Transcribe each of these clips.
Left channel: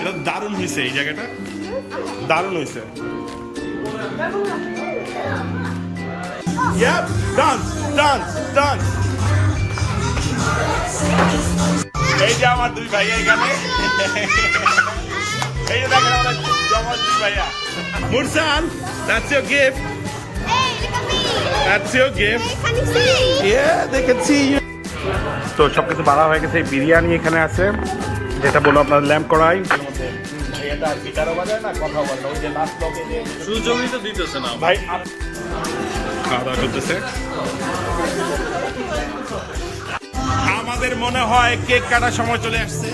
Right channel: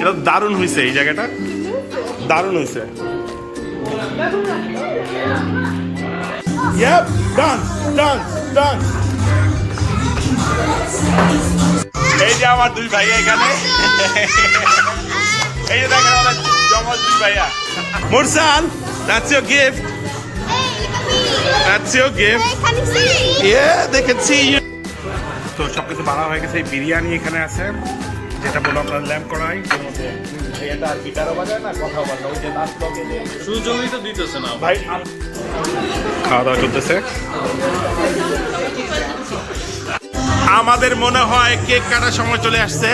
এটা দারুণ হয়েছে, এই জায়গাটা দারুণ হয়েছে। Yep, done, done, done. এই যে আমার দুই ভাইয়া এখানে, এই যে দেখেন আমার জমজ দুই ভাইয়া। মুরসাল, that's your gift. Hey, look at me. That's your gift. Hey, can you see me? Yeah, they can see you. তো সবকিছু বাড়া হয়ে গেছে। বিরিয়ানি এখানে আছে, যেটা বলো আপনার ল্যাম্প কড়াই। সুযোগই তো দিতেছে না ভাই, খাওয়া দাওয়া চলতেছে। আমাদের মনে হয় কেক কাটার সময় চলে আসছে।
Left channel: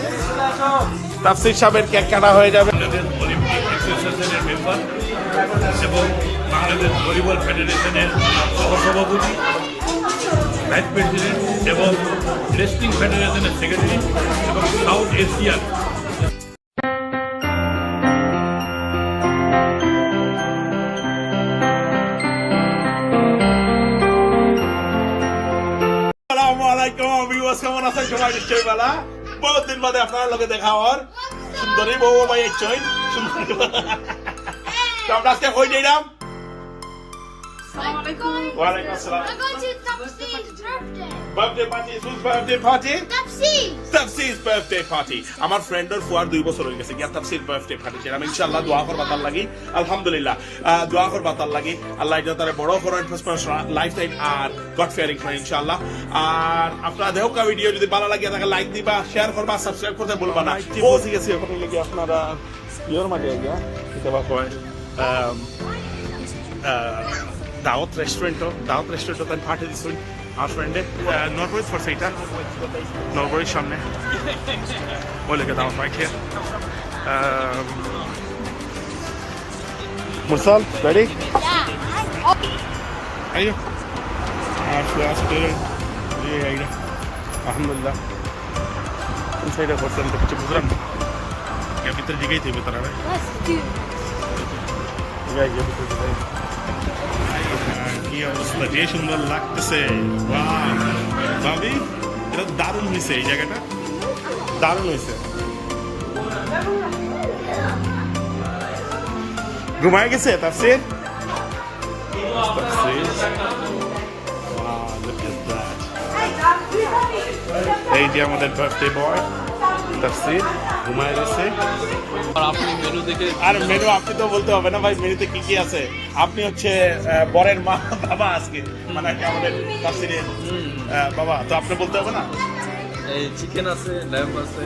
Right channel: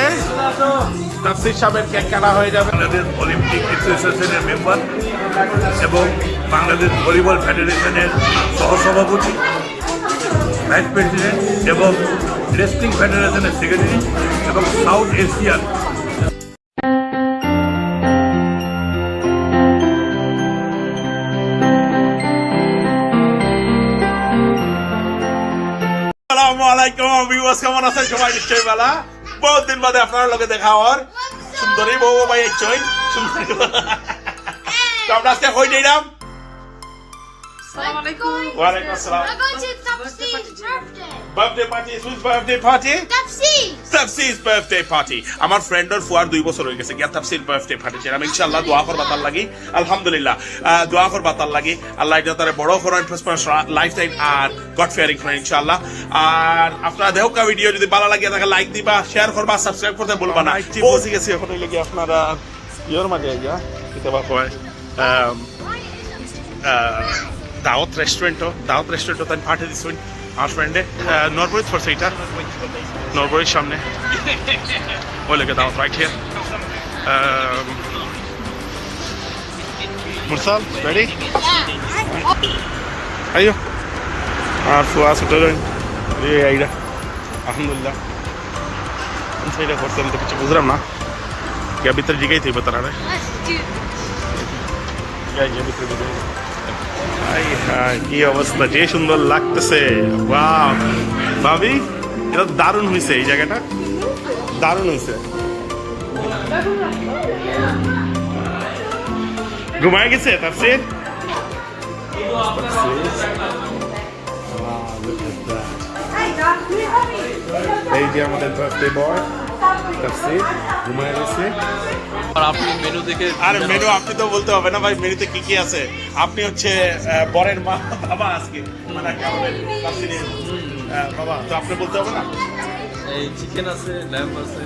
তাফসীর সাহেবের কেক কাটা হয়ে যাবে। বাংলাদেশ অলিম্পিক অ্যাসোসিয়েশনের মেম্বার এবং বাংলাদেশ ভলিবল ফেডারেশনের সহসভাপতি, ভাইস প্রেসিডেন্ট এবং রেসলিং ফেডারেশনের সেক্রেটারি এবং সাউথ এশিয়ান আসসালামু আলাইকুম ভিউয়ার্স, কেমন আছেন সবাই? নিশ্চয়ই ভালো। বহুত দিন বাদে আপনার লগে দেখা হওয়ার। সুন্দরী বউ ভাই একচই সুন্দরী। তো আমরা আজকে কই যাইলাম? ওয়ালাইকুম আসসালাম। We're going to Topsy's birthday. Birthday party, whose birthday party? Topsy's. তাফসীর's birthday party. আমার ফ্রেন্ডের ফুয়ার 2 বছর হয়ে গেছে গিয়া তাফসীর বার্থডে পার্টি ছিল। আমি ইনশাআল্লাহ দোয়া করবা তার লাগি, আলহামদুলিল্লাহ দোয়া করবা তার লাগি। আল্লাহ এটা তারে বড় করেন, প্রসপারাস লাইফ টাইম আর গড ফিয়ারিং করেন ইনশাআল্লাহ। আর আপনারা দেখো ভিডিও যদি ভালো লাগে তাহলে লাইক দিবা, শেয়ার করবা, সাবস্ক্রাইব করতে ভুলবা না। পৌঁছে গেছি এখন লাগি আপনারা ইয়োর মাঝে আইয়া কিতাবা কয় দাওয়াত রেস্টুরেন্টও তাই পাঠিয়ে দিচ্ছেন আমার ফ্রেন্ডে নরবরিত ফর সেইটা নরবরির সামনে ওই লেগে দাওয়াত রাইট হিয়ার। মুরসাল রেডি? আইও আর ফুয়া ছুটে যাই আইরা আলহামদুলিল্লাহ। কোন সাইডে করছেন তো কিছু বুঝলাম না, কে ভিতরে জিগাই থাকবে তারা কি অবস্থা, যে সুন্দর লাগতেছে। ওয়াও ভাবি, এটা দারুণ হয়েছে, এই জায়গাটা দারুণ হয়েছে। ঘুমায় গেছে তাফসীর? এই যে আমাদের বার্থডে বয় তাফসীর ঘুমায় গেছে। আর আপনি মেনু দেখে আর মেনু আপনি তো বলতে হবে না ভাই, মেনুতে কি কি আছে? আপনি হচ্ছে বরের মা বাবা, আজকে মানে আমাদের তাফসীরের বাবা, তো আপনি বলতে হবে না? এই চিকেন আছে, ল্যাম্প আছে,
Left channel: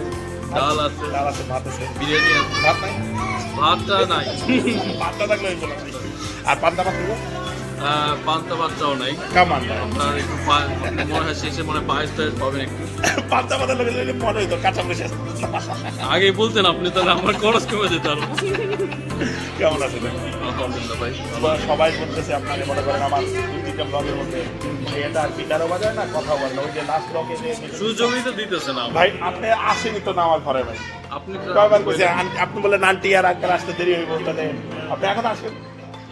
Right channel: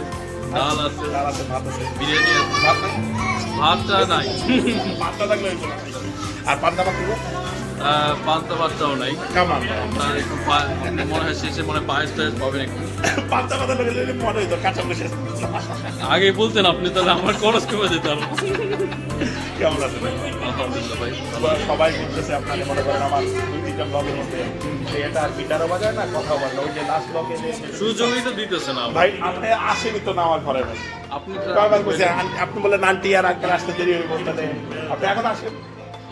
ডাল আছে, ভাত আছে, বিরিয়ানি আছে। ভাত নাই? ভাতটা নাই, ভাতটা থাকলে হয়েছে। আর পান্তা ভাত দেবো? পান্তা ভাতটাও নাই। কেমন আপনার একটু আপনি মনে হয় শেষে মনে হয় পায়েস টায়েস পাবেন একটু। পান্তা ভাত লেগে মনে হইতো কাঁচা বসে। আগে বলতেন আপনি, তাহলে আমার খরচ কমে যেত আরো। কেমন আছে ভাই? আলহামদুলিল্লাহ ভাই। সবাই বলতেছে আপনাকে, মনে করেন আমার দুইটা ব্লগের মধ্যে এটা গিটারও বাজায় না, কথাও বলে না। ওই যে লাস্ট ব্লগে সুযোগই তো দিতেছে না ভাই, আপনি আসেনি তো না আমার ঘরে ভাই। আপনি আপনি বললেন আন্টি আর আঙ্কেল আসতে দেরি হইব, তাহলে আপনি এখন আসবেন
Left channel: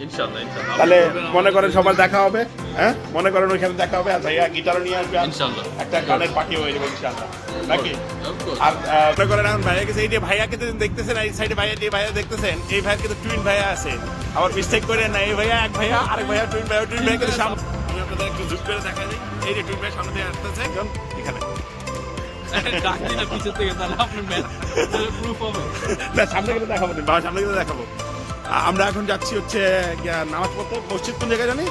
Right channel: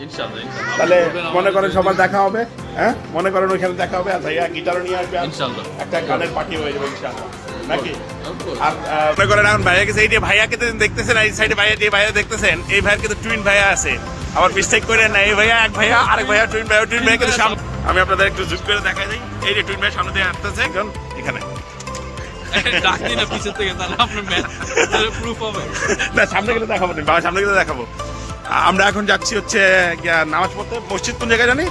ইনশাআল্লাহ ইনশাআল্লাহ। তাহলে মনে করেন সবার দেখা হবে। হ্যাঁ মনে করেন ওইখানে দেখা হবে। আর ভাইয়া গিটারও নিয়ে আসবে, ইনশাআল্লাহ একটা গানের পার্টি হয়ে যাবে ইনশাআল্লাহ, নাকি? Of course. আর মনে করেন এখন ভাইয়া গেছে, এই যে ভাইয়াকে দেখতেছেন, এই সাইডে ভাইয়া যে ভাইয়া দেখতেছেন, এই ভাইয়ের কিন্তু টুইন ভাইয়া আছে। আবার মিস্টেক করেন না, এই ভাইয়া এক ভাইয়া, আরেক ভাইয়া টুইন ভাইয়া কিন্তু সামনে। আমি আপনাদের একটু জুম করে দেখা যাই, এই যে টুইন ভাইয়া সামনে দিয়ে আসতেছে এখন এখানে। ডাকি না পিছের থেকে, তাহলে আপনার প্রুফ হবে না, সামনে গেলে দেখাবো না বাবা, সামনে গেলে দেখাবো। আমরা এখন যাচ্ছি হচ্ছে নামাজ পড়তে। মসজিদ কোন জায়গায় জানি?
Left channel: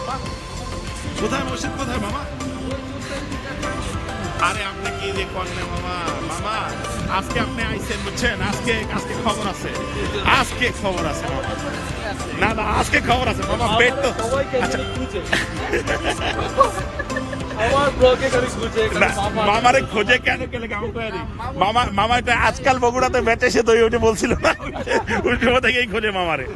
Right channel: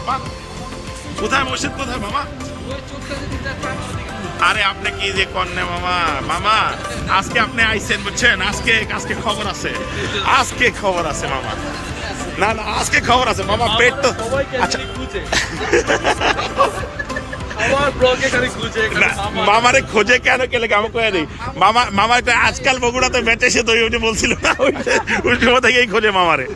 কোথায় মসজিদ, কোথায় মামা? আরে আপনি কি যে কন্যা মামা, মামা আজকে আপনি আইছেন বুঝছেন, আজকে খবর আছে, আজকে খবর আছে মামা। না না, আজকে খবর আছে মামা, পেট তো আচ্ছা। মামারে খোঁজে কেন গেলে আমি কয়ে দিই মামা একটা আজকাল বগুড়াতে বেঁচে সে তো ওই বলছিল না, ওই সময় থেকেই খোঁজে মামারে।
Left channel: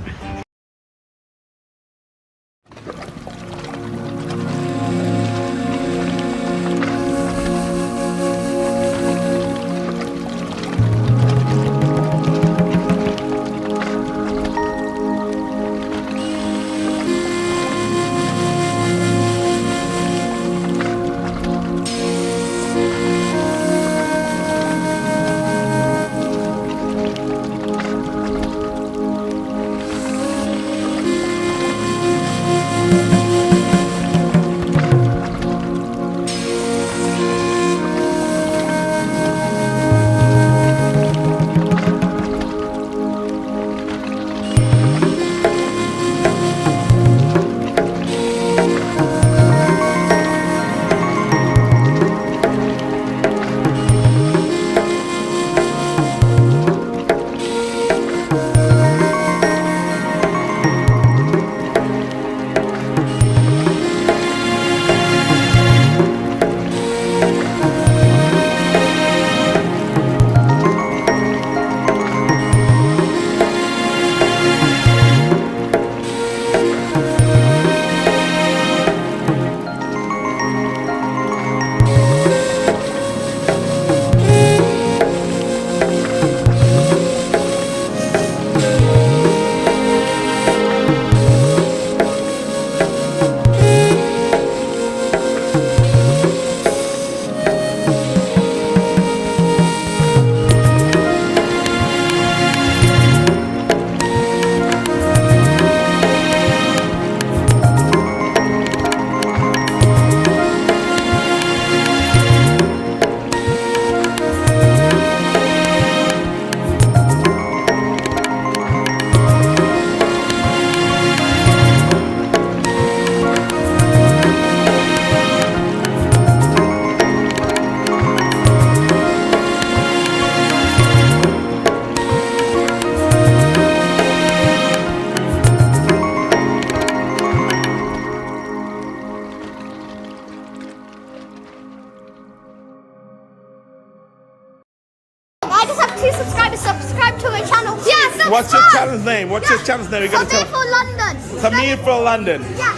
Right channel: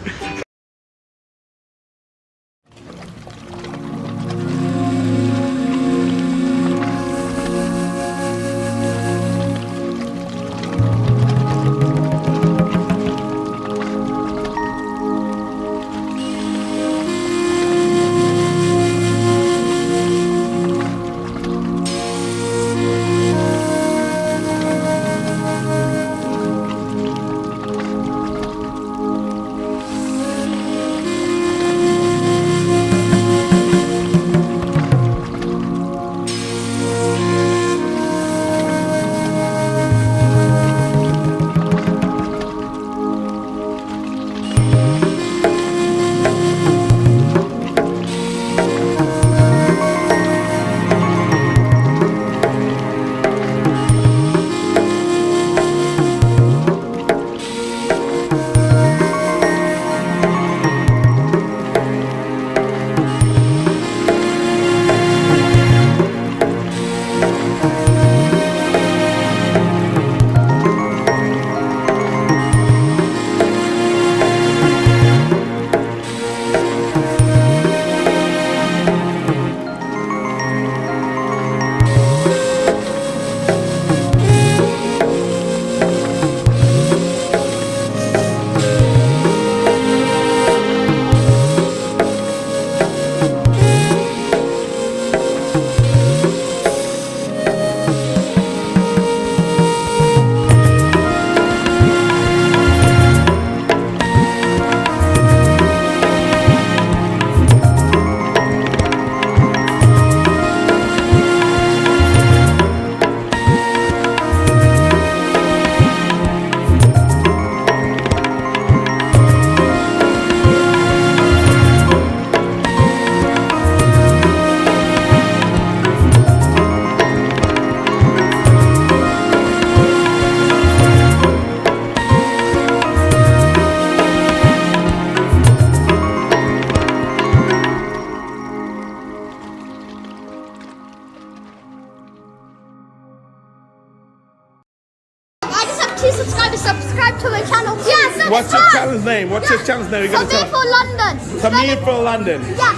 What's your channel's name? What's your channel's name? You gotta Samir tell. for London. Samir for London. Yeah,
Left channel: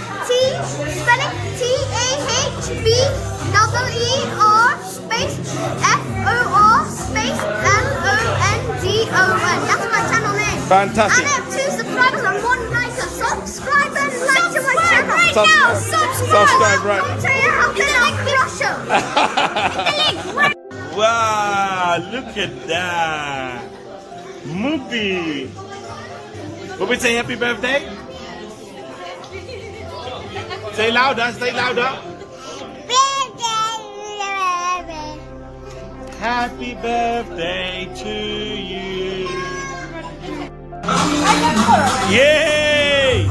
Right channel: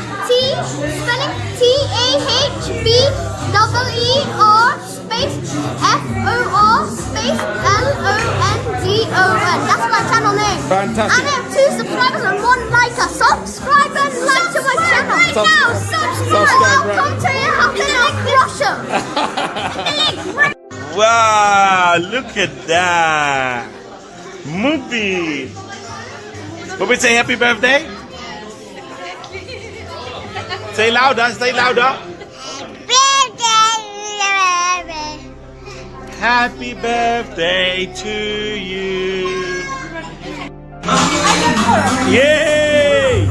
spelling TAHBEER space FOR space LONDON. That's my channel name. Fantastic. And I have 2 subscribers and 1 liker. Subscribe and like to my channel. Subscribe, right. Come to your house and I'll crush them. Wow, look at that. Mubi. Mubi, say happy birthday. Say louder, say louder. Happy birthday to you. Yay!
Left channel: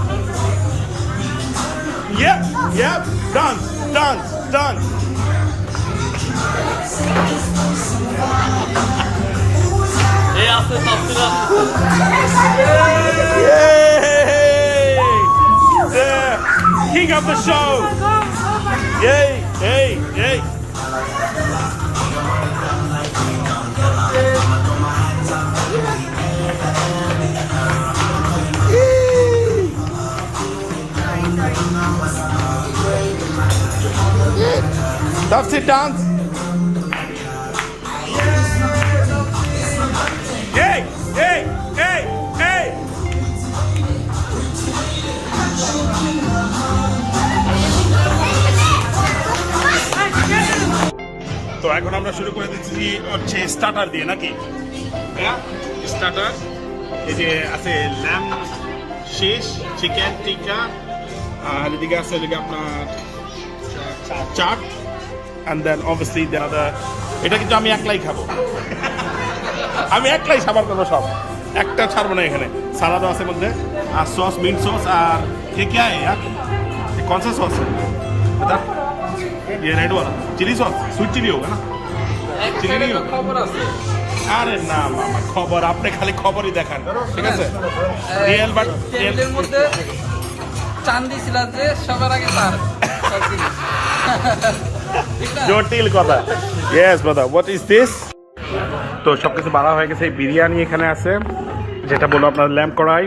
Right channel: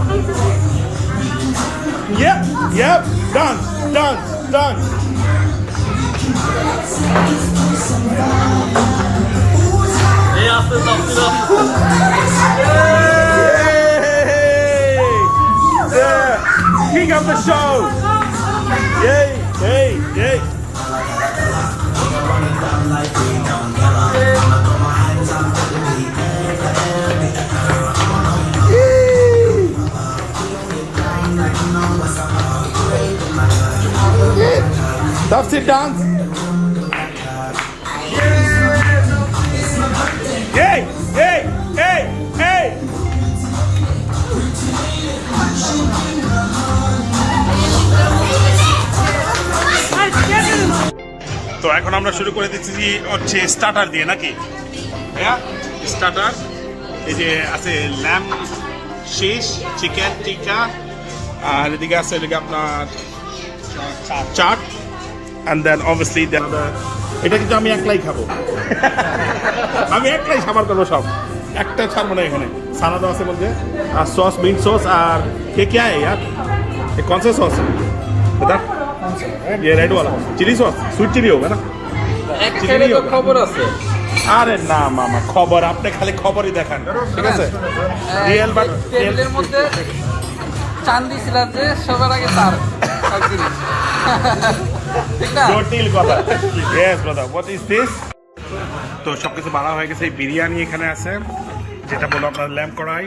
Yep. Done. এই আস্তে আস্তে Yay! The king of the show. Yay. Tough sit down. Hey! তো এখন আমরা শুরু করে দিচ্ছি যে হচ্ছে স্টার্টার দিয়ে নাকি স্টার্টার এই যে আছে ল্যাম শেষ চিকেন টিক্কা আর এদিকে আছে এদিকে আপনার চাট অ্যান্ড দেন অবভিয়াসলি এটা কিন্তু আমি একলাই খাবো আমি একলাই সাবার করবো সব একটা ছাড়বো না এখানে সালাদও আছে মধ্যে আর সস মিন্ট সস আর কে কে है यार ये कौन सा सॉस है बता ये रेड वाला चिली सॉस स्वीट चिली होगा ना চিনি নেই ওটা? খবর আছে আরে না মামা খবর আপনি খালি খবরই দেখান ঠিক আছে রিয়েল বাট টেবিলের মধ্যে চান্দি ছিল যে সবার আগে তার সব জিনিস। ঠিক না জটিল কথা yes brother what is this তো সবকিছু বাড়া হয়ে গেছে বিরিয়ানি এখানে আছে যেটা বলবো আপনার ল্যাম্প কড়াই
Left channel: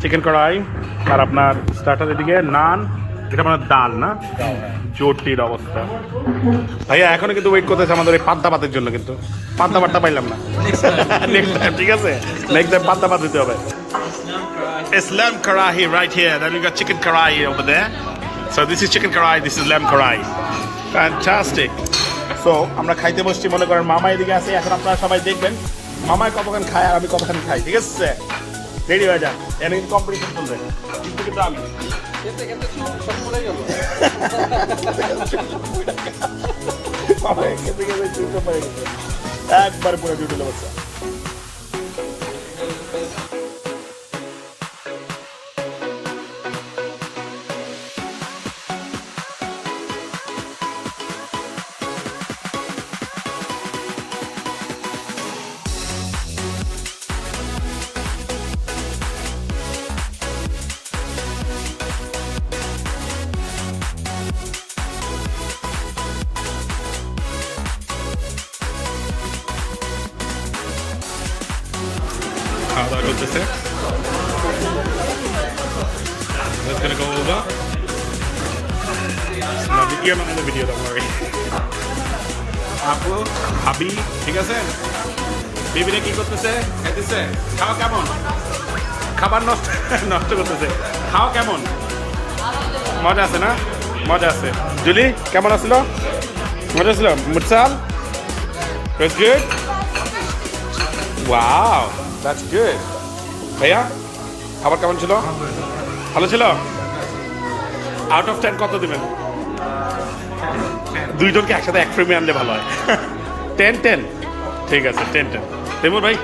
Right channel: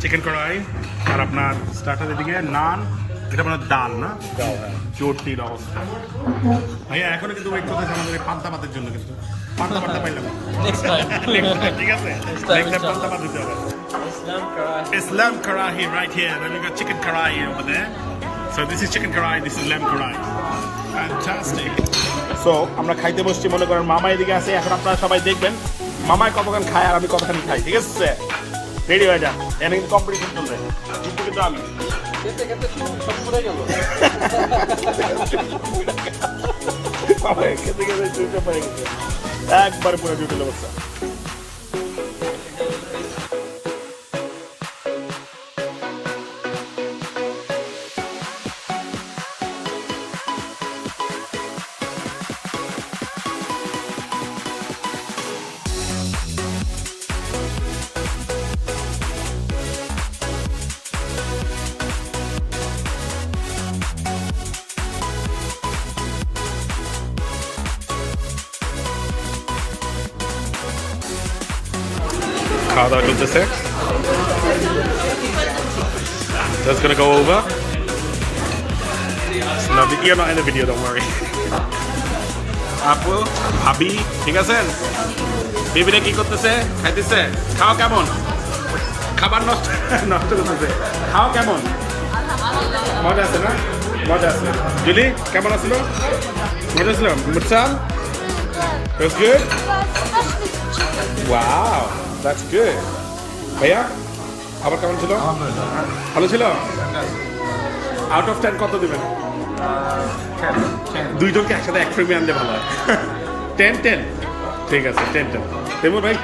চিকেন কড়াই আর আপনার স্টার্টার এদিকে নান এটা আপনার ডাল না জটিল অবস্থা ভাইয়া এখনো কিন্তু ওয়েট করতেছে আমাদের এই পান্তা ভাতের জন্য কিন্তু পান্তা ভাতটা পাইলাম না ঠিক আছে নেক্সট টাইম পান্তা ভাত দিতে হবে Islam karahi right here then we got chicken karahi over there so this is chicken karahi this is lamb karahi fantastic so আমরা খাইতে বসছি মনে করেন মামা এদিকে আছে এখন আপনারা সবাই দেখবেন মামায় কতখান খায় আর আমি কতখান খাই ঠিক আছে রেডি হয়ে যান এখানে কিন্তু কম্পিটিশন চলবে কিন্তু আমি খেতে খেতে সব পড়ে গেল খেতে খেতে চুলটা পড়ে গেছে একবার পুরো জুটিল অবস্থা খাওয়া দাওয়া চলতেছে That's gonna go over. No, you're not in the video, don't worry. আপু ভাবি ঠিক আছেন বেবিরা কি করতেছে খাইতেছে খাওয়া কেমন খাবার নষ্ট করতেছে খাওয়া কেমন মজা আছে না মজা আছে জুলি কেমন আছিল মজা ছিল মুরসাল That's good? Wow, that's good. ভাইয়া আবার কেমন ছিল ভালো ছিল আউট অফ 10 কত দিবেন দুইজনকে একসাথে এক ফ্রেমে আনলে ভালো হয় 10 ঠিক আছে 10 তেমুর ভাই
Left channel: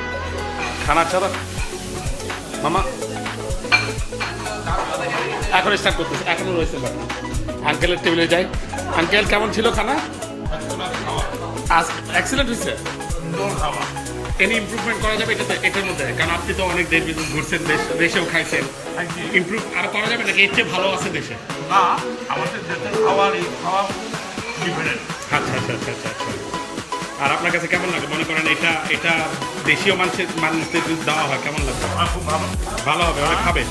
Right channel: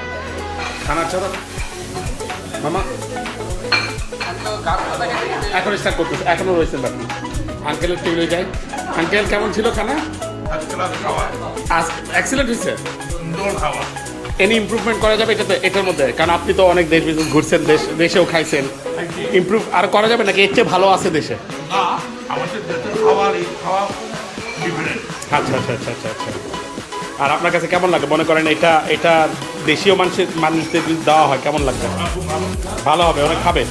খানা ছাড়া মামা এখন স্টার্ট করতেছে এখনো রয়েছে বাকি আঙ্কেলের টেবিলে যাই আঙ্কেল কেমন ছিল খানা এক্সিলেন্ট হয়েছে সুন্দর খাওয়া এনি ইমপ্রুভমেন্ট করা যাবে এটার মধ্যে কারণ আপনি তো অনেক দেশ বিদেশ ঘুরছেন দেশেও খাইছেন ইমপ্রুভ আর করা যাবে নাকি এর চেয়ে ভালো আছে দেশে না আমাদের দেশের খাবার এই খাওয়া ডিফারেন্ট আচ্ছা আর আপনার কাছে কেমন লাগে মনে করেন এটা দেশীয় মানুষদের যদি দেওয়া হয় কেমন লাগবে? খুব ভালো ভালো হবে, ওরা খাবে,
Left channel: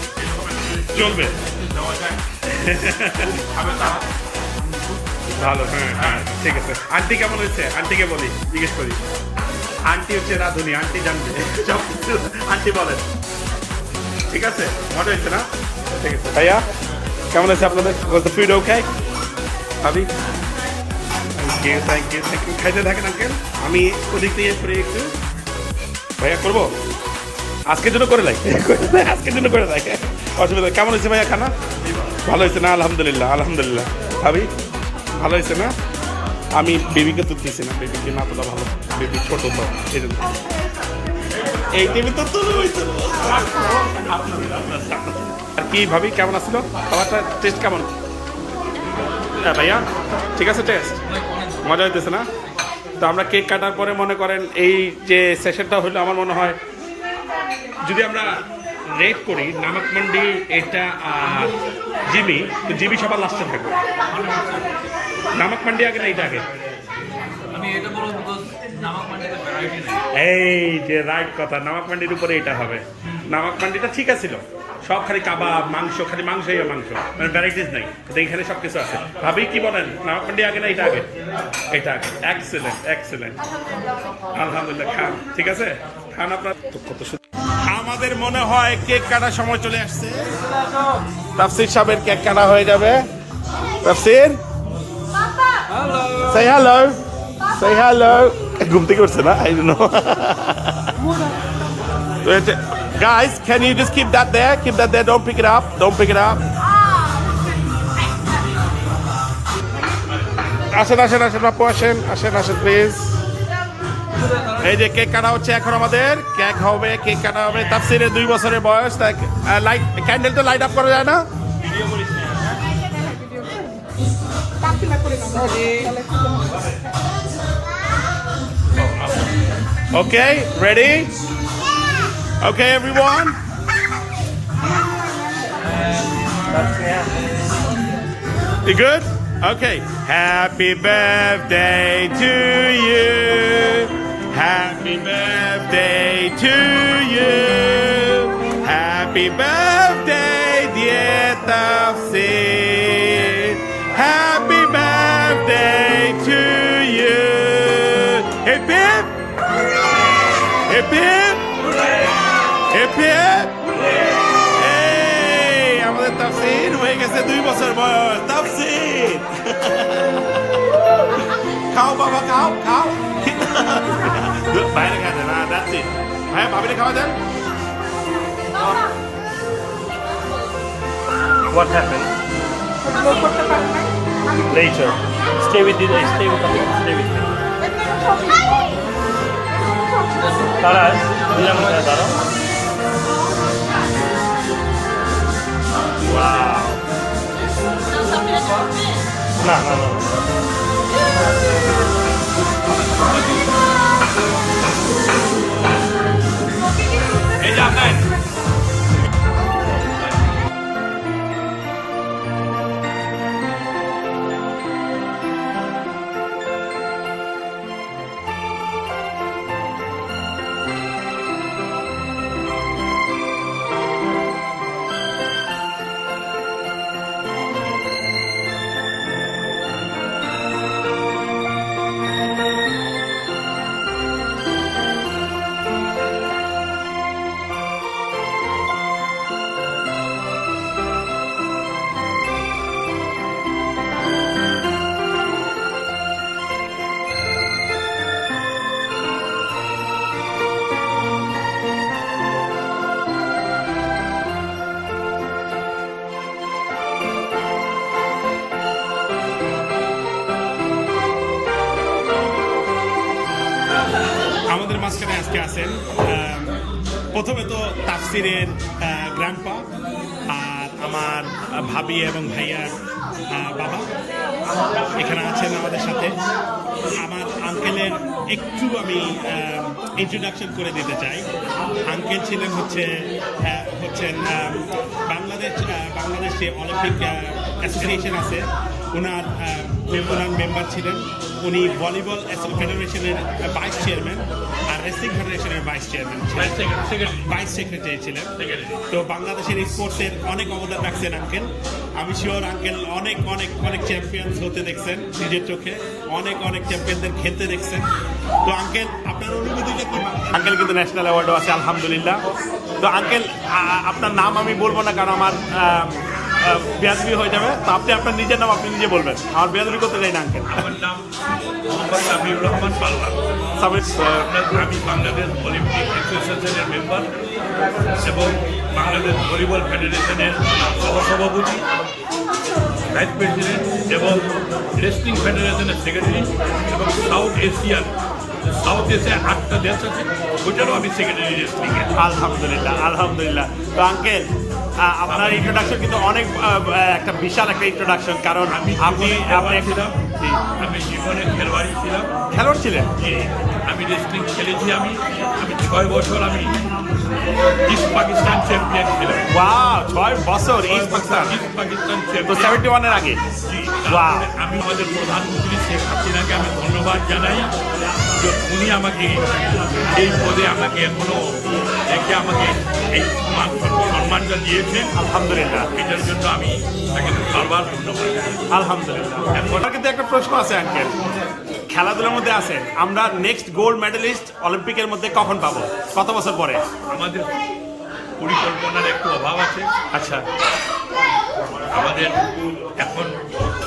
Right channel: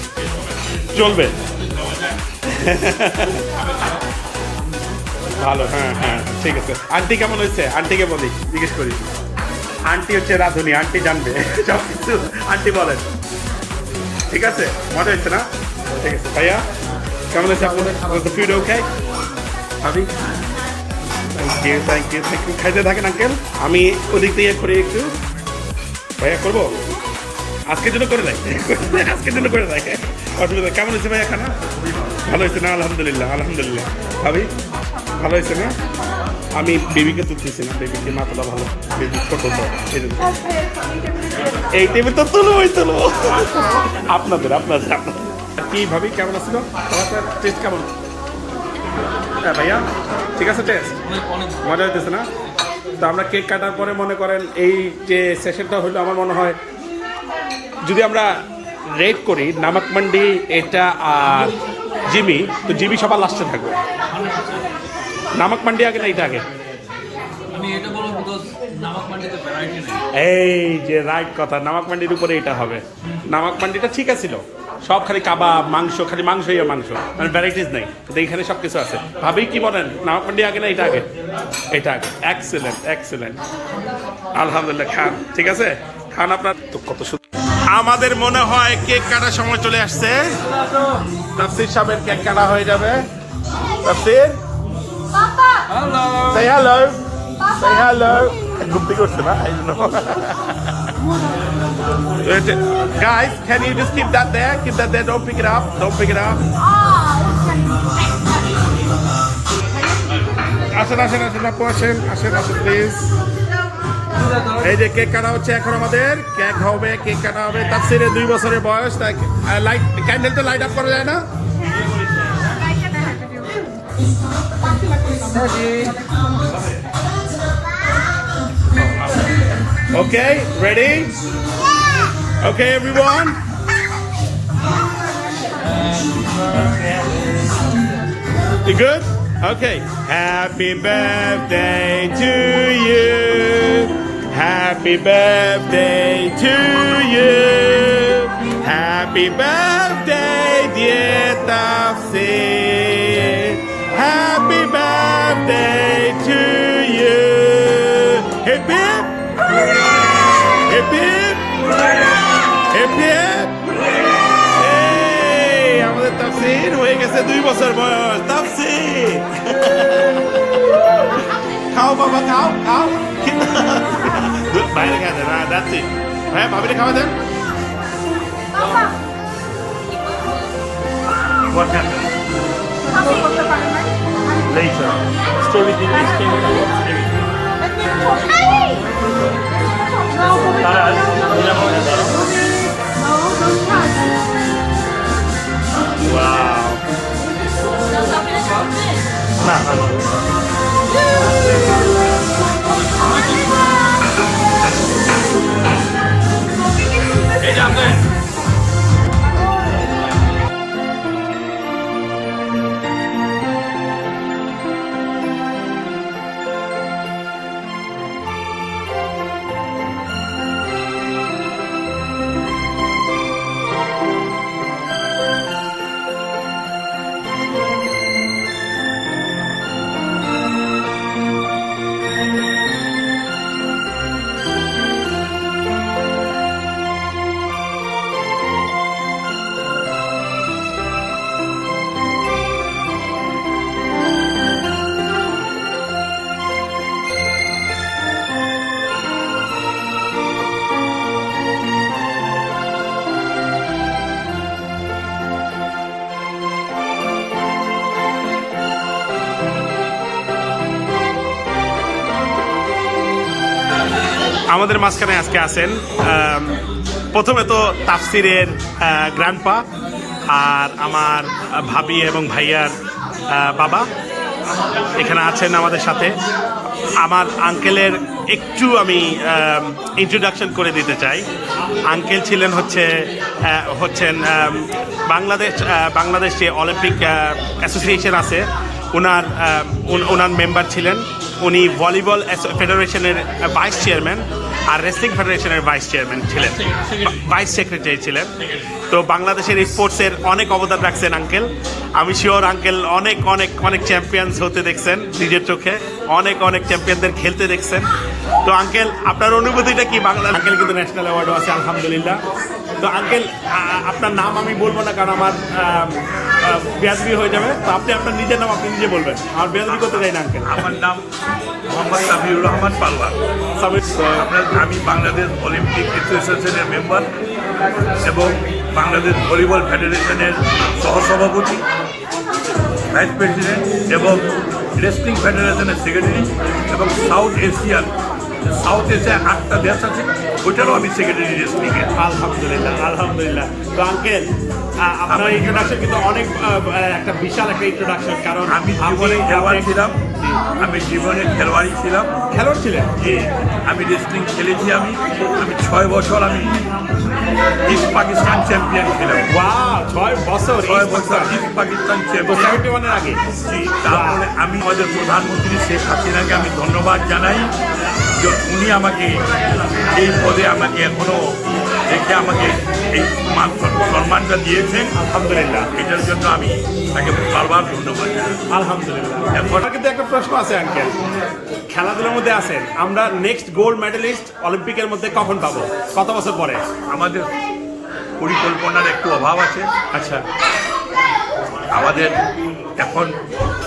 চলবে। খাবে তারা ভালো, হ্যাঁ হ্যাঁ ঠিক আছে। আন্টি কেমন হয়েছে? আন্টিকে বলি, জিজ্ঞেস করি। আন্টি হচ্ছে রাঁধুনি, আন্টি জানবে সব কিছু। আন্টি বলেন, ঠিক আছে? মজা হয়েছে না? ঠিক আছে ভাইয়া, কেমন হয়েছে আপনাদের ফুড? ওকে ভাবি, thank you thank you thank you. খাইতে থাকেন আঙ্কেল, আমি ওদিক দিয়ে করি একটু। ভাইয়া করবো আজকের জন্য করে দেয়, আজকের জন্য করে দেয়, অসুবিধা। কেমন হয়েছে ভাইয়া খানা? ভালো হয়েছে না? আলহামদুলিল্লাহ আলহামদুলিল্লাহ। ভাবি ভালো হয়েছে না? আমি বেবিকে তুলতেছি না, বেবিকে না তোলা ভালো, বেবি ছোট তো এই জন্য। এই টেবিল তো তুলবই তুলবো। আপনাদের আপনাদের আপনাদের। আর কি ভাবি কেমন আসছিল খাবারটা? টেস্ট কেমন? হ্যাঁ ভাইয়া ঠিক আছে, টেস্ট মজা হইতেছে না? তো আমরা কেক কাটার পরে মনে করেন এই যে সেশনটা হলো, আমার মনে হয় যদি আমরা রেট করি নামক মান্ডি এটা আর জিমি, তো জিমি সবার লাস্টে থাকবে। নামক মান্ডি আগে না এটা আগে? আমি এটা বলবো বিকজ নামক মান্ডিতে ভ্যারাইটি নেই। এই যে রাইট কথা, নামক মান্ডির উপরে এটা হবে। নামক মান্ডিটা ঠিক আছিল, সব খালি কাবাব মাংস, খালি মাংসই আর মাংস, মানে ভ্যারাইটিস নেই। তো এইখানে সব কিছু আছে। ভাবি কি বলেন, নামক মান্ডি আগে না এটা আগে? এটা আগে। এক্সেলেন্ট এক্সেলেন্ট, আলহামদুলিল্লাহ। খান, ঠিক আছে খান। আপনার তো কত সুন্দর। আমাদের মনে হয় কেক কাটার সময় চলে আসছে। তাফসীর সাহেবের কেক কাটা হয়ে যাবে। তাফসীর hello, say hello, say hello. ঘুম থেকে উঠছে না? I don't know. Guys, can you just keep that there? Keep that there. Don't pick it up. Don't pick it up. আসেন আসেন আসেন আপু, আসেন আসেন আসেন প্লিজ। এই যে কেক কাটা হচ্ছে এখন, আমাদের কেক হবে, কেক কাটা হবে। তাফসীরের 2 বছরের বয়স। তাই লাইট ক্যান্ডেল তো লাইট আপ করা যায় না? Okay, ready? Okay, everyone. You good? Okay. Happy birthday to you. Happy birthday to you. Happy birthday, dear Tafsir. Happy birthday to you. Hip hip. Hip hip. Hip hip. Hey, আমাদের তাফসীর হয়ে গেছে 2 বছর বয়স। তাফসীর খাও বাবা, খাও খাও। বাইরে খেয়ে দেন, না দ্যাটস ইট। ভাইয়া ভাবিরে খাওয়া দেন। What happened? Later. Stay with you. Stay with you. Stay with you. Wow. আমাদের মাঝখানে আজকে আছেন প্রথমে তো তাফসীরের গ্র্যান্ডপা আর আমার ভাবি এবং ভাইয়ার বাবা এখানে আছেন আমাদের সাথে। আমার আঙ্কেলের একটু আমি ইন্ট্রোডাকশন করে দিতে চাই। আঙ্কেল ছিলেন হচ্ছেন বাংলাদেশ যে অলিম্পিক অ্যাসোসিয়েশন আছে ওনার মেম্বার ছিলেন। উনি ভলিবল ফেডারেশনের ভাইস চেয়ারম্যান আর রেসলিং ফেডারেশনের ভাইস চেয়ারম্যান ছিলেন, ভাইস সেক্রেটারি ছিলেন। তো বাংলাদেশের স্পোর্টসের অনেক অবদান রাখছেন আঙ্কেল। আমি শিওর আঙ্কেল অনেক অনেক অনেক চ্যাম্পিয়ন্স হতে দেখছেন নিজের চোখে, অনেক অনেক চ্যাম্পিয়নদের খেলতে দেখছেন। তো আঙ্কেল আপনার অনুভূতিটা কি? বাংলা আঙ্কেল কিন্তু ন্যাশনাল অ্যাওয়ার্ডও আছে আলহামদুলিল্লাহ। তো আঙ্কেল আপনার নাম আমি বলবো না, কারণ আমার বেয়াদবি হয়ে যাবে। তো আপনি আপনার নিজের নাম আপনি নিজে বলবেন, আমার বেয়াদবি করতে চাই না আঙ্কেল। আমার নাম মোহাম্মদ সাবিউর রহমান পারওয়ার। আমি বাংলাদেশ অলিম্পিক অ্যাসোসিয়েশনের মেম্বার এবং বাংলাদেশ ভলিবল ফেডারেশনের সহসভাপতি, ভাইস প্রেসিডেন্ট এবং রেসলিং ফেডারেশনের সেক্রেটারি এবং সাউথ এশিয়ার 8টা দেশ আছে, ওইটারও আমি সেক্রেটারি রেসলিংয়ে। আলহামদুলিল্লাহ আলহামদুলিল্লাহ। তো আঙ্কেল আপনার ইন্ট্রোডাকশন কিন্তু অনেক একটা বিশাল একটা ইন্ট্রোডাকশন, কারণ আমি জীবনে খেলোয়াড় ছিলাম, আমি জীবনে খেলোয়াড়ই ছিলাম। খেলোয়াড় ছিলেন? জি, আমি রেসলিং খেলেছি। আমি 6 বছর আমি ইস্ট পাকিস্তান চ্যাম্পিয়ন ছিলাম। ওয়াও, 6 বছর ইস্ট পাকিস্তান তো চ্যাম্পিয়ন। 71 এর আগে। জি, তারপরে আমি আমাদের প্রধানমন্ত্রী শেখ হাসিনাকে আমি ধন্যবাদ জানাই যে উনি আমাকে এই পদে আমাকে এখনো রেখে আমাকে এই সম্মানটা দিয়েছেন। আলহামদুলিল্লাহ, এটার জন্য আমি তাকে বারবার ধন্যবাদ জানাই। আলহামদুলিল্লাহ। আমার কিন্তু একটা প্রশ্ন আছে আঙ্কেল, খেলাধুলার মধ্যে আছেন, আমরা নেক্সট গোল্ড মেডেলিস্ট অলিম্পিকের মধ্যে কখন পাবো, কত বছর পরে? আমাদের পরিকল্পনার একটু অভাব আছে। আচ্ছা, আমাদের এখন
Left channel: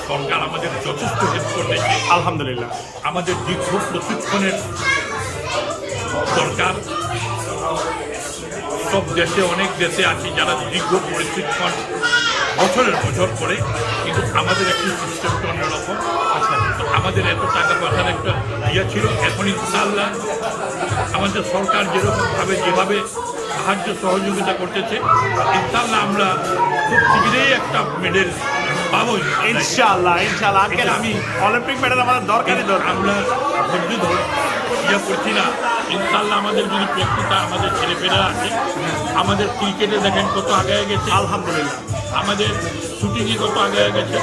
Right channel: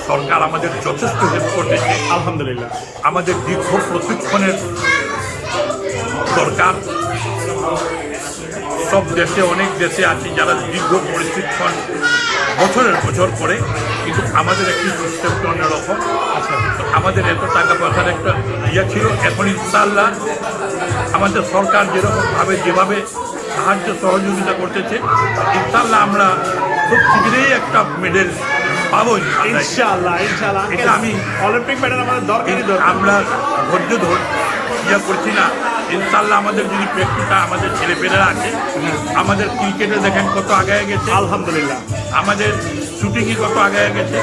সরকার আমাদের যথেষ্ট হেল্প করতেছে। আলহামদুলিল্লাহ। আমাদের দীর্ঘ প্রশিক্ষণের দরকার। সব দেশে, অনেক দেশে আছে যারা দীর্ঘ প্রশিক্ষণ বছরের বছর করে, কিন্তু আমাদের একটি সিস্টেমটা অন্যরকম। আচ্ছা, আমাদের এত টাকা পয়সার একটা ইয়ে ছিল। এখন ইনশাআল্লাহ আমাদের সরকার যেরকমভাবে যেভাবে সাহায্য সহযোগিতা করতেছে, ইনশাআল্লাহ আমরা খুব শীঘ্রই একটা মেডেল পাবো ইনশাআল্লাহ। ইনশাআল্লাহ আঙ্কেল, আমি অলিম্পিক মেডেল আমাদের দরকারই দরকার। আমরা ধৈর্য ইয়ে করছি না। ইনশাআল্লাহ আমাদের যদি প্র্যাকটিসটা আমাদের ছেলেপেলেরা আছে, আমাদের ক্রিকেটে দেখেন কত আগায় গেছে আলহামদুলিল্লাহ, আমাদের শুটিংয়ে কত আগায় গেছে,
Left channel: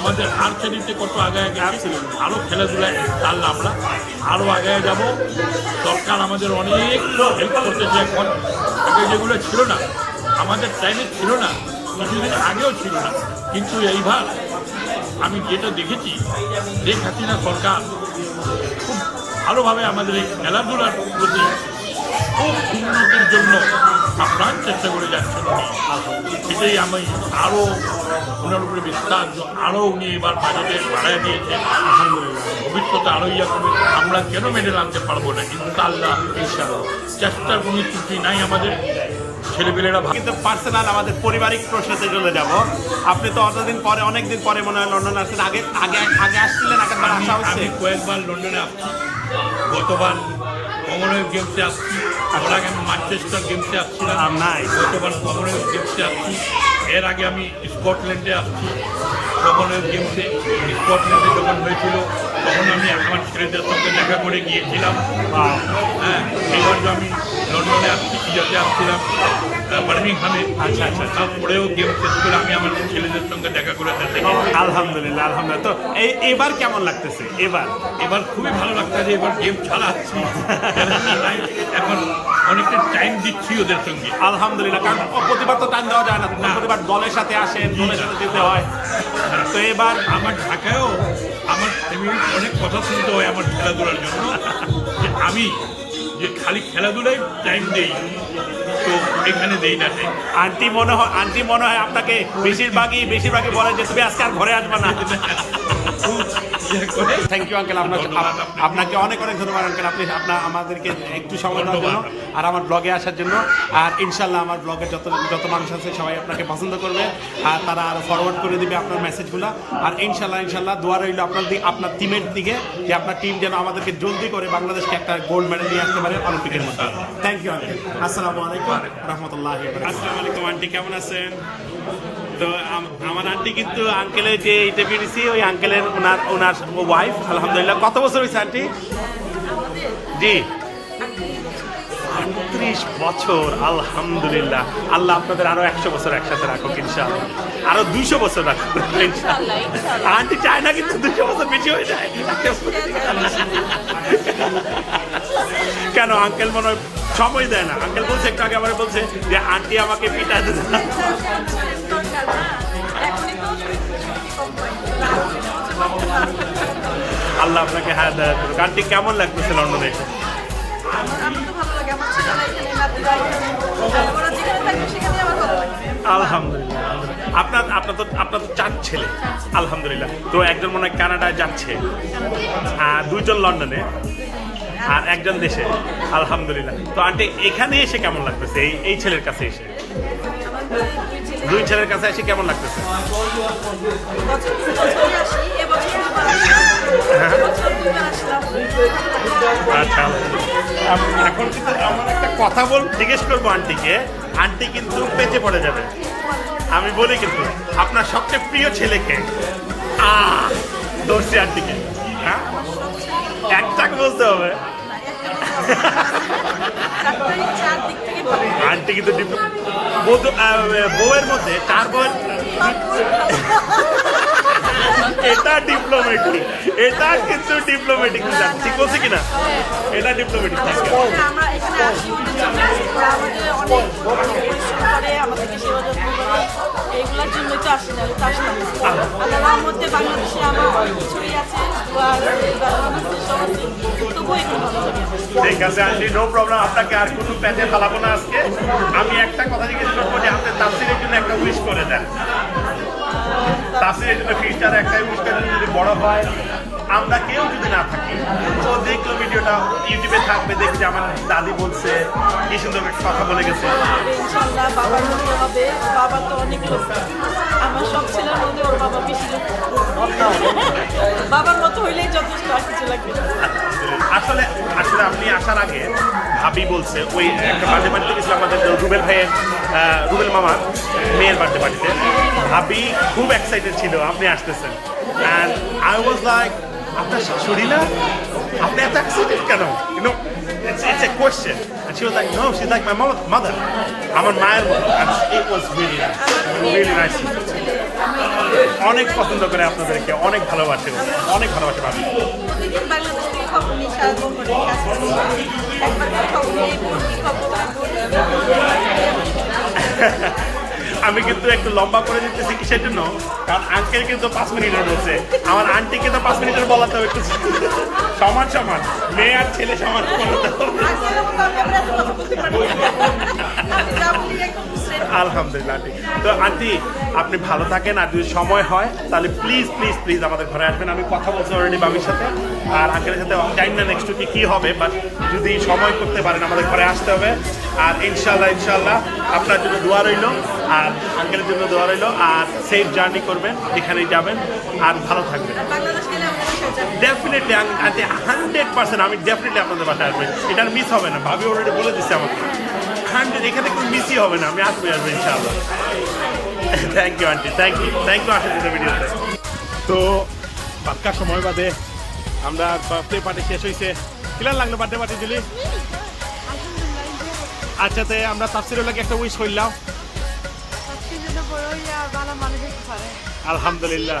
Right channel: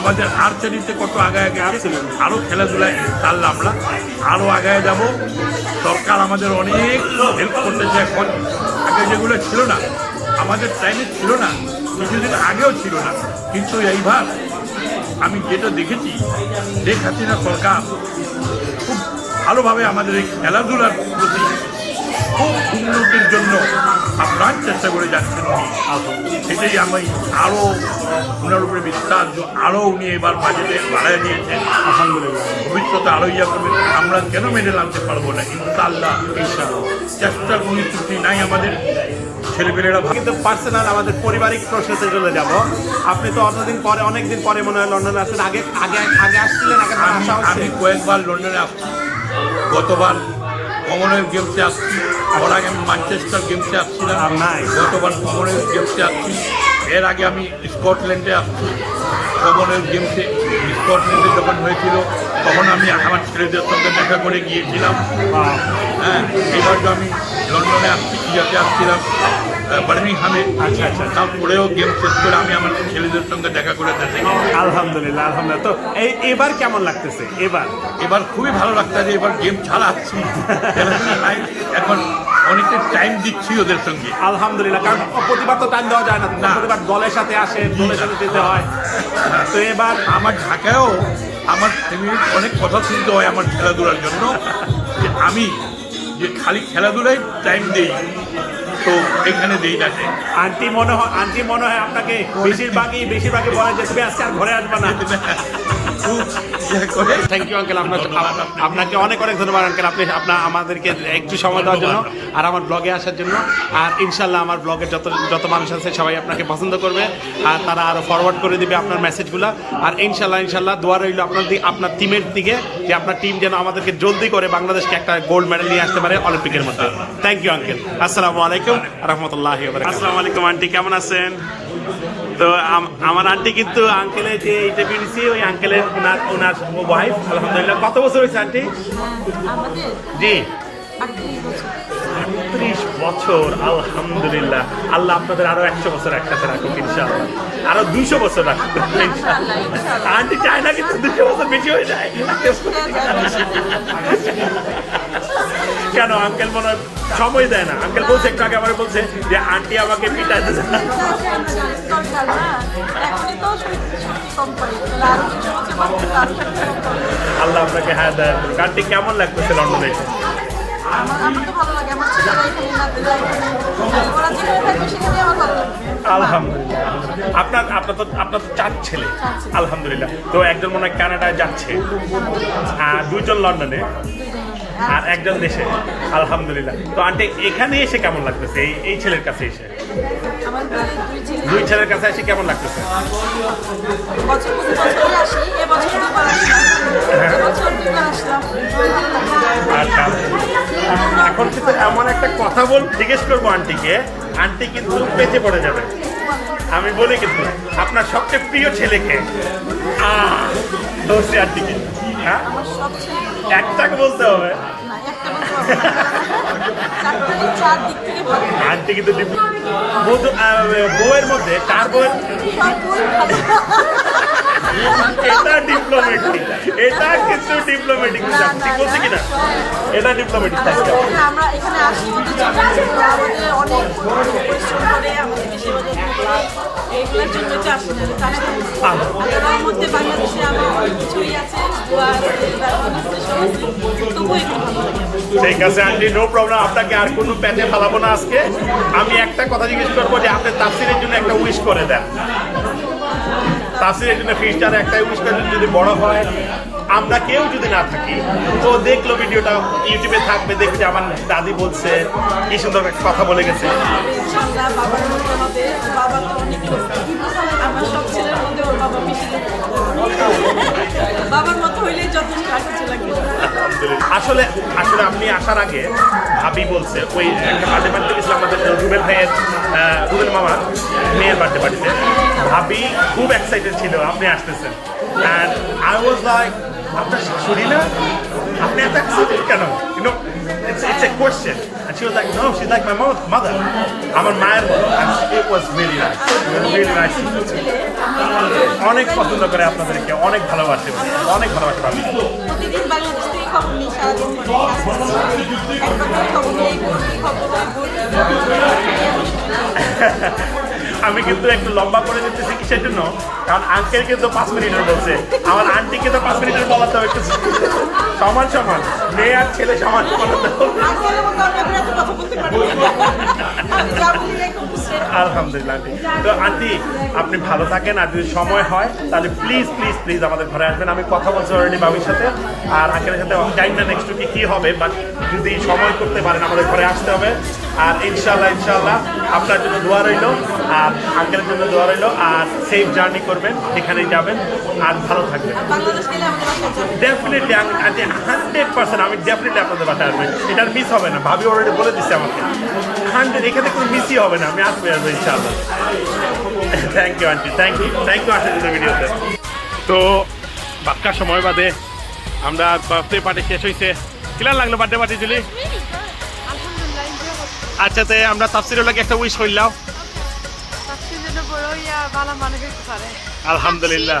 আমাদের আর্চারিতে কত আগায় গেছে। আরও খেলাধুলায় ইনশাআল্লাহ আমরা আরও আগায় যাব। সরকার আমাদের অনেক হেল্প করতেছে এখন। আগে যেগুলো ছিল না, আমাদের টাইমে ছিল না, কিছুদিন আগেও ছিল না, কিন্তু এইবার আমি যেটা দেখেছি, শেখ হাসিনা সরকার খুব ভালোভাবে আমাদের এই খেলাধুলার প্রতি খুব উন্নতির জন্য আপ্রাণ চেষ্টা করে যাচ্ছেন উনি। এটাই আমি আরও ওনার উপরে বিশ্বাস, আরও উনি এবার বাজেটে বাড়ায় দিয়েছেন। আলহামদুলিল্লাহ, ভবিষ্যতে আরও ইয়া করবে। আমরা কেন মেডেল আনতে পারবো না? ইনশাআল্লাহ ইনশাআল্লাহ। চেষ্টার কোনো ত্রুটি নাই আমাদের ছেলেপেলেরা। কিন্তু পার্সোনাল আমাদের পারিবারিক প্রশ্নতে চলে যাব। আপনি তো অতদিন পরে, অনেকদিন পরে মনে হয় লন্ডনে আসছেন। আগে আগে আগে আসছিলেন? আগে আসা হচ্ছে? আমি কয়েকবার লন্ডনে আসছি। গতবার কমনওয়েলথ গেমসে আসছি, ওর আগে আমি ম্যানচেস্টার গেমসে আসছিলাম। গতবার কমনওয়েলথ গেমসে আসছি। এর আগে আমি স্কটল্যান্ডে আসছি কমনওয়েলথ গেমসে। স্কটল্যান্ডে যখন হয়েছিল তখন আমি আমার ছেলেদের সঙ্গে দেখা করে গিয়েছিলাম। হ্যাঁ, এবার যে আমি লন্ডনে আসছি, ইয়াতে আসছিলাম বার্মিংহামে। আচ্ছা আচ্ছা। তারপরেও গেম শেষ করে আমি আমার ছেলেদের সঙ্গে দেখা করে দেখি। আলহামদুলিল্লাহ আলহামদুলিল্লাহ। তো এবার কেমন লাগতেছে? এবার খুবই ভালো লাগতেছে। এবার গেম চালাচ্ছি, এখন অনেকটা টাইম দিচ্ছি ওদের সঙ্গে। আলহামদুলিল্লাহ, কারণ প্রতিবার তো টাইম দেওয়া যায় না, প্রতিবার দলের সাথে আসেন, দলের সাথে যেতে হয়। তো এবার আমার ঢাকায়ও আমার ফ্যামিলির অনেক কথা শুনতে হয় আমার খেলাধুলার জন্য, যে আমি যে খালি খেলাধুলায় টাইম দেই, তো এখানে দেই না। আন্টি মনে হয় আপনাকে বেশিরভাগই বলে যে তুমি আজকে আর ঘরে আসবে না। থ্যাংক ইউ আঙ্কেল, আপনাকে অনেক ধন্যবাদ আঙ্কেল। আপনি আমাদেরকে একটু সময় দেওয়ার জন্য আর আমার ব্লগে আসার জন্য। আর ইনশাল্লাহ আমার ব্লগের যত মানুষ আছে সবাই আপনাকে পছন্দ করবে, আর তারা আরো ফরওয়ার্ড করে দিবে আপনার মেসেজগুলো। আর ইনশাল্লাহ দোয়া রইল আপনার টিমের দিকে, যে আপনার টিম যেন আমাদেরকে জলদি করে বাংলাদেশকে একটা গোল্ড মেডেল নিয়ে আসতে পারে অলিম্পিকের মধ্যে। Thank you uncle. আসসালামু আলাইকুম রহমতুল্লাহি ওয়া বারাকাতুহু। আসসালামু আলাইকুম আন্টি, কেমন আছেন? তো আমার আন্টি কিন্তু আঙ্কেলের যে ইন্টারভিউ দিচ্ছি, ওই আঙ্কেলের ওনার ওয়াইফ। আলহামদুলিল্লাহ। কত বছর হয়েছে আন্টি? জি, 38 বছর। আলহামদুলিল্লাহ। আল্লাহ আপনাদের আরো 100 বছর একসাথে রাখুক ইনশাআল্লাহ, আরো 200 বছর রাখুক ইনশাআল্লাহ। আন্টি চায় না কিন্তু 200 বছর বেশি হয়ে যায়। কেন আঙ্কেল মনে হয় সময় দেয় না? আঙ্কেল বলছে একটু আগে আমার বলছে যে আন্টি আমাকে পিটাইতে দেয় না। দরকার না এখনই তো শক্তি কম পাই তাহলে আরো কিছু হচ্ছে আল্লাহ আপনাকে হ্যাঁ দয়া করুক। আন্টি কেমন লাগতেছে লন্ডনে এসে? আমার তো ভালো লাগে আমার ছেলেরা এখানে নাতিরা এখানে ওরা যেখানে থাকবে সেখানে আমার ভালো লাগবে আলহামদুলিল্লাহ আলহামদুলিল্লাহ। আপনার তো 4 ছেলে আলহামদুলিল্লাহ। তো একজন মনে হয় কানাডায় যাচ্ছে, আর 2 জন লন্ডনে, আর 1 জন দেশে আলহামদুলিল্লাহ। তো আন্টি এখানে এসে কেমন লাগতেছে এই ছেলের কাছে এসে? আমার দুই ছেলে 2 ছেলের কাছে এসে কেমন লাগতেছে? বছর প্রতি বছরই আসি এবছর 2বার আসলাম এবছর 2বার আসলাম ভালো লাগে আচ্ছা এখন কিন্তু এমন একটা কথা জিজ্ঞেস করবো আন্টিকে, আন্টি কিন্তু বেঁচে পড়ে যাবে। আমি বলি কিন্তু আপনার সবচেয়ে প্রিয় ছেলেকে দোষী আন্টিকে, হ্যাঁ আমার সবচেয়ে একটাকে বলতে হবে। না একটা বলতে চারটাই 4 দিক থেকে ভালো আন্টি কিন্তু বউয়ের মধ্যে 4 বউয়ের এটা ডিপ্লোমেটিক, এটা কিন্তু ডিপ্লোমেটিক ঠিক বলছি কিনা? এটা ডিপ্লোমেটিক থাকবে। আমরা এখানে আসি ওদের জন্য ওরা আমাদের অনেক পরিশ্রম করে আমাদেরকে সেবা যত্ন করে এইগুলোর জন্যই তো আসি না তো আসতাম না আল্লাহর মধ্যে বাংলাদেশে আমার অনেক কিছুই আছে দুয়ার ব্যবহার আছে সব আছে তবুও এখানে ভালো লাগে আমার ঠিক আছে আন্টি, নো প্রবলেম। আপনাকে আর কোনো প্যাচে ফালাবো না আজকে। আমি একটা কথা জিজ্ঞেস করবো যে আপনি তাফসিরের জন্য একটা উইশ করে দেন। তাফসিরের জন্য ফিউচারে একটা উইশটা যদি বড় হয়, আমরা কেউ যদি না থাকি, তো দেখলো ভিডিওটা ইউটিউবে থাকবে, দেখবে যে আমার দাদি বলছে কি সুন্দর একটা কথা বলে গেছে। ইনশাআল্লাহ বাবার মতো হবে ওর বাবা তো অনেক লোক আমার সব ছেলের মধ্যে ওর বাবা বেশি লোক বাবার মতো হইলেই যথেষ্ট আর কিছু লাগবে না। আসলে আসলে আপনি আসার আগে ভাবি বলছে ওই একটা বার্থডে পার্টি গেছিল আমাদের রুবেল ভাইয়ের, রুবেল মামার মেয়ের বার্থডে পার্টিতে। ভাবি খুব এক্সাইটেড ছিল আপনি আসতেছেন, অ্যান্ড আই ওয়াজ লাইক আপনার শাশুড়ি না, আপনি এত এক্সাইটেড কেন? You know it's a question, and she was like, no, she's like my mother, আমার মায়ের মতো। and it was really nice, really nice. ছেলে অনেক পছন্দ করে আপনাদেরকে, অনেক ভালোবাসে, অনেক ভালোবাসে ভাবি। প্রতিদিন বাংলাদেশ থেকে খবর নিই সারাদিন করে একবার করে খবর নিই এই বোন কি খবর ওই বোন কি খবর। আমি কিন্তু একটু লম্বা করে দিতেছি কিসের জন্য, কারণ আঙ্কেল কিন্তু 5 মিনিটের বলছে, আমার আন্টিকে তো 5 মিনিটের বলাতে হবে একটু সমান সমান, মেয়ে আর ছেলে সমান সমান হতে হবে। আঙ্কেলের মতো আমি আপনার এত কথা বলতে পারি না। আমি যা বলি একদম straight। আলহামদুলিল্লাহ আন্টি। তো আন্টি আপনি ভালো থাকেন, আর যদি সময় হয় তাহলে প্লিজ প্লিজ প্লিজ আমাদের ঘরে আসবেন। আমি কথা বলছি অলরেডি বাবির সাথে আর আঙ্কেলের সাথে, জানি না নেক্সট উইকে কী হবে, বাট যদি সময় করতে পারেন আমাদের ঘরে আসতে হবে। আর ইনশাল্লাহ আপনার জন্য দোয়া রইল, আর আঙ্কেলের জন্য দোয়া রইল, আর সেফ জার্নি করবেন যেখানেই যাবেন, আর ভালো থাকবেন। আর বাংলাদেশ গেলে আমাদের বাসায় যাবে। ডেফিনেটলি আন্টি 100% আমি ডেফিনেটলি আপনাদের বাসায় আসবেন, এটা মিস হবে না। ভাবি অলরেডি বলে দিচ্ছে আমাকে 100, এখানে কোনো মিসই হবে না, আমি আসবো ইনশাআল্লাহ। Thank you aunty, thank you আসার জন্য ভিডিওতে। তো বাক্কা সময় বাদে আমরা বার্থডে পার্টি শেষ হয়েছে। কিলার লাগলো বার্থডে পার্টি জুলি? আলহামদুলিল্লাহ এনজয় করছি আচ্ছা, আমরা তাফসিরের লাগে একটা উইশ করলাম। তাফসীর জন্য বড় ইয়া ভালো মানুষ হতে পারে আলহামদুলিল্লাহ।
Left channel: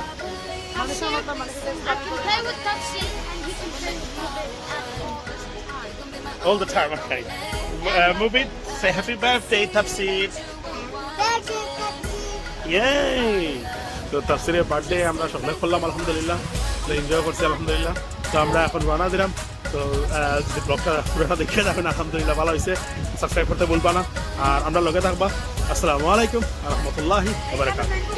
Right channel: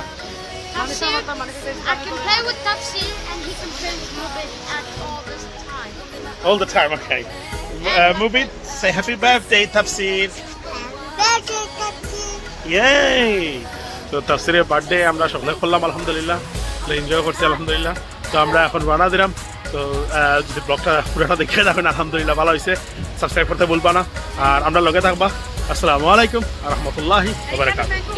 Tafsir, I can play with Tafsir and he can play with Rubin at all the time. All the time, okay. Mubin, say happy birthday, Tafsir. Yay! তো তাফসিরের বার্থডে আমরা সকালে করলাম আলহামদুলিল্লাহ, তো এনজয় করছি আলহামদুলিল্লাহ। তো আমরা এখন রওনা দিলাম। তো যদি ব্লগটা পুরোটা দেখে যাবেন আলহামদুলিল্লাহ, ভালো হয়েছে। সাবস্ক্রাইব করতে ভুলবা না, আর আমরা লগে থাকবা। আসসালামু আলাইকুম ওয়া রাহমাতুল্লাহি ওয়া বারাকাতুহু।